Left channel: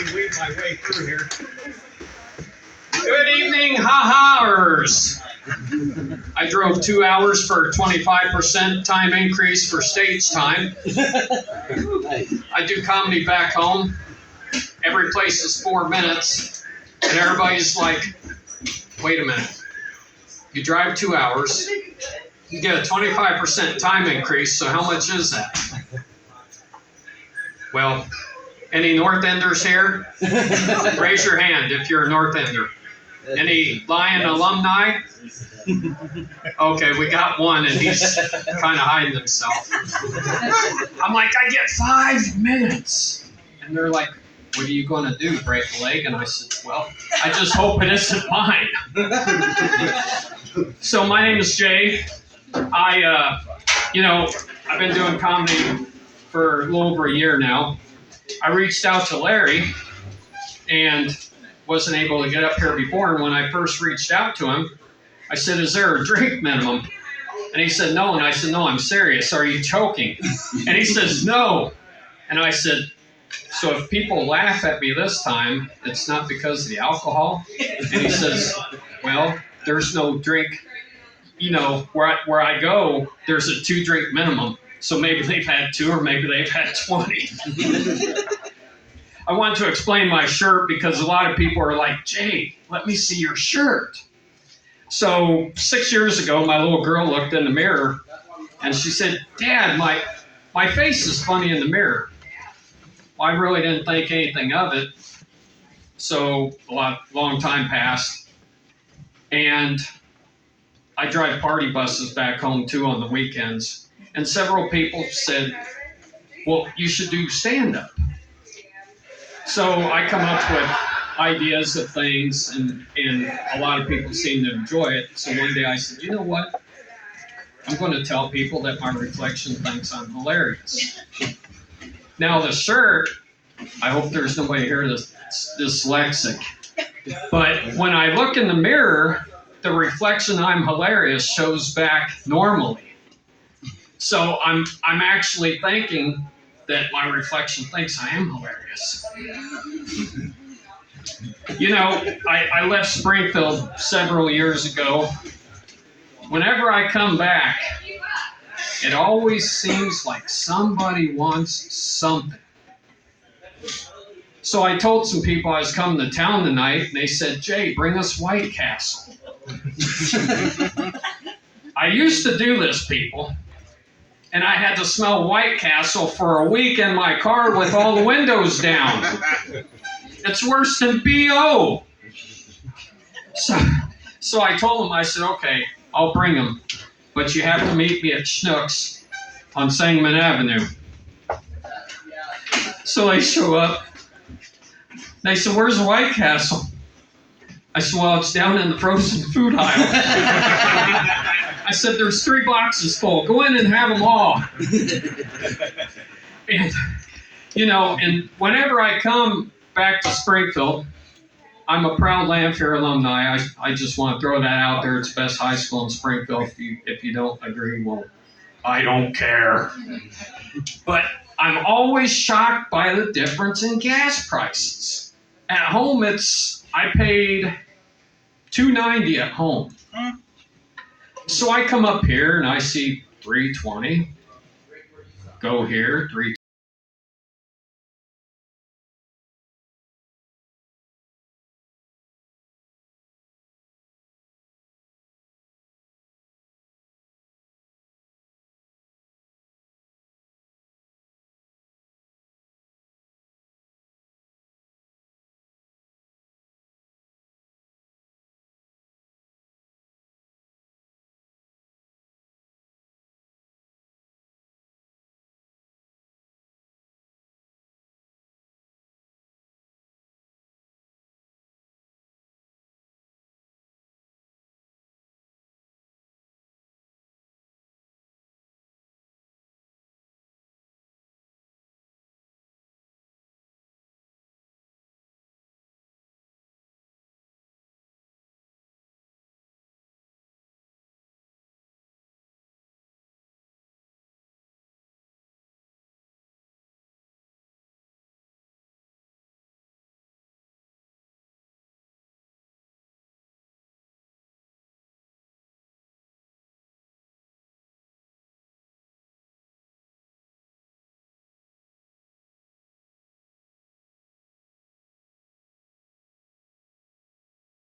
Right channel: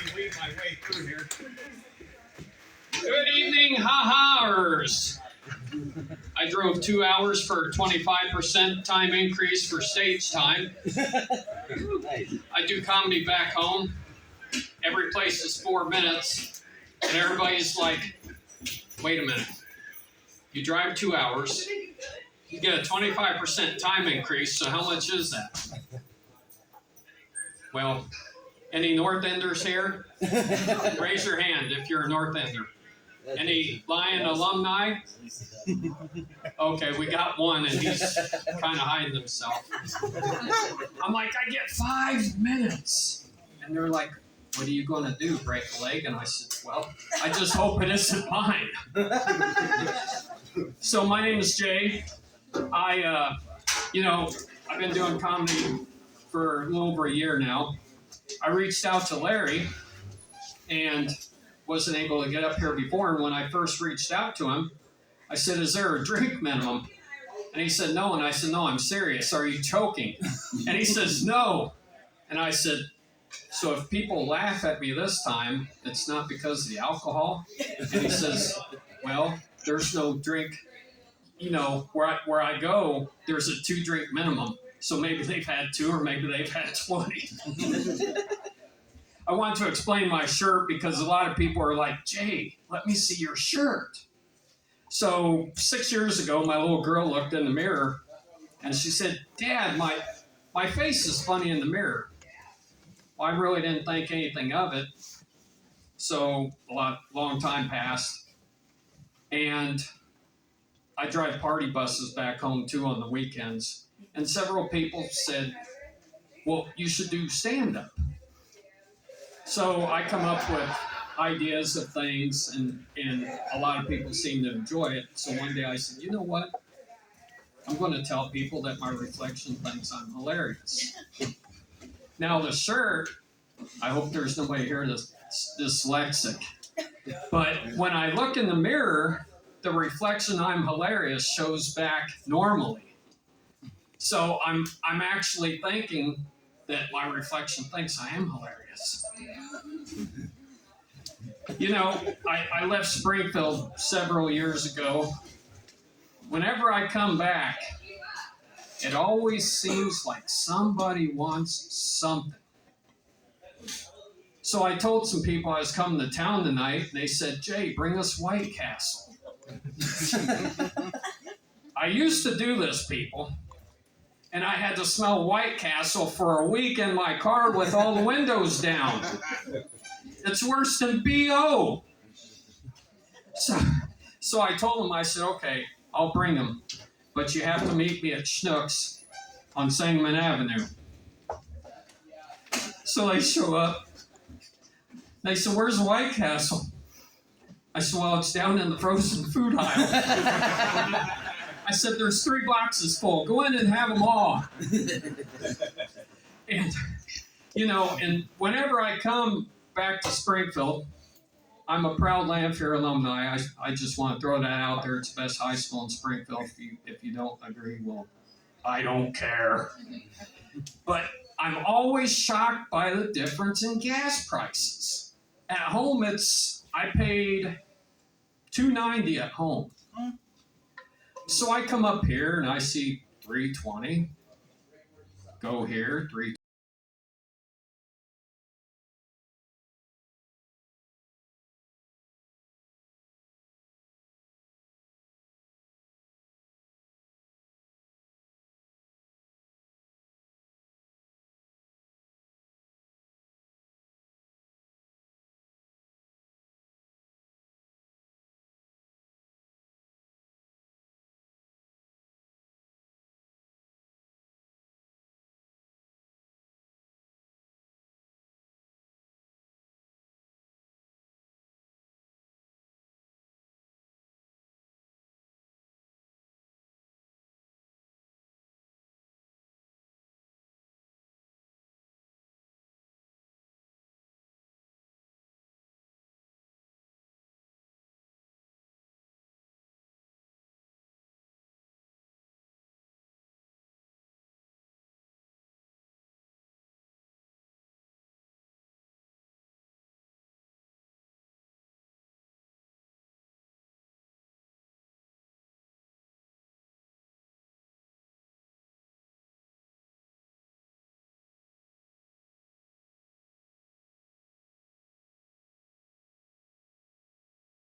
me weave my way through here. Good evening, ha-haers. I drove 2 hours for a 25% time increase for stage time. I do comedy back home. Every place is 4 minutes, and everybody's like, wait a minute. You drive 2 hours, you get a 25% time increase, so how much is that? Well, any North Enders here? Raise your hand if you're a North Ender. Any Lion alumni? Okay, we got one, and he's kind of hiding himself. I'm like, I get 5 minutes. And they're like, what are you going to do, break a leg? And I said, well, I just hope it isn't mine. So my name is Jay. I've been doing comedy for a little over a year now. I reached out to Larry and wasn't able to get up here before. And when I first reached out to him, I said, is there a drink minimum? And he said, no. And I said, no, I'm serious. Are you joking? And he says, no. And I said, so if people laugh at me this time, it's not because of the alcohol? And he says, well, there's no drink. You know, where I go, there's a 2-drink minimum. So maybe they've had 2 or maybe they've had 20. I want to explain my shirt because a lot of people are like, Jay, let me see your shirt. So 6 years ago, my little girl looked in the mirror and she said, Dad, my face is funny in the mirror. Well, I really didn't think anything of it. So long time passed. And I drive party buses back home too on the weekends. And several people said, well, you should do stand-up. So I come up with ideas of things, and a lot of people seem to enjoy it. So one day I said, you know what? I'm going to tell people that my reflection thinks I'm hilarious. Now the shirt, I hope there's nobody here that's dyslexic. But when I look in the mirror, the reflection I'm hilarious shows back normally. So I'm actually thinking that my reflection thinks I am hilarious. You know, I left Springfield several years ago. Whenever I come back, it always seems like somebody wants something. So I told some people I was coming to town tonight, and they said, Jay, bring us White Castle. I used to do this, people. And I had to smell White Castle for a week in my car with all the windows down. It's worse than B.O. So I told them, I said, okay, I'll bring them. But you have to meet me at Schnucks on Sangamon Avenue. So they show up. They said, where's the White Castle? I said, well, it's down in the frozen food aisle. I said, there's 3 boxes full. Go in and have them all. And, and whenever I come back to Springfield, I'm a proud Lanphier alumni. I just want to throw that out there. It's the best high school in Springfield. If you don't agree, well, I don't care. But I'm always shocked by the difference in gas prices. At home, I paid $2.90 at home. So I come up here and I see $3.20. Go here, $3.20.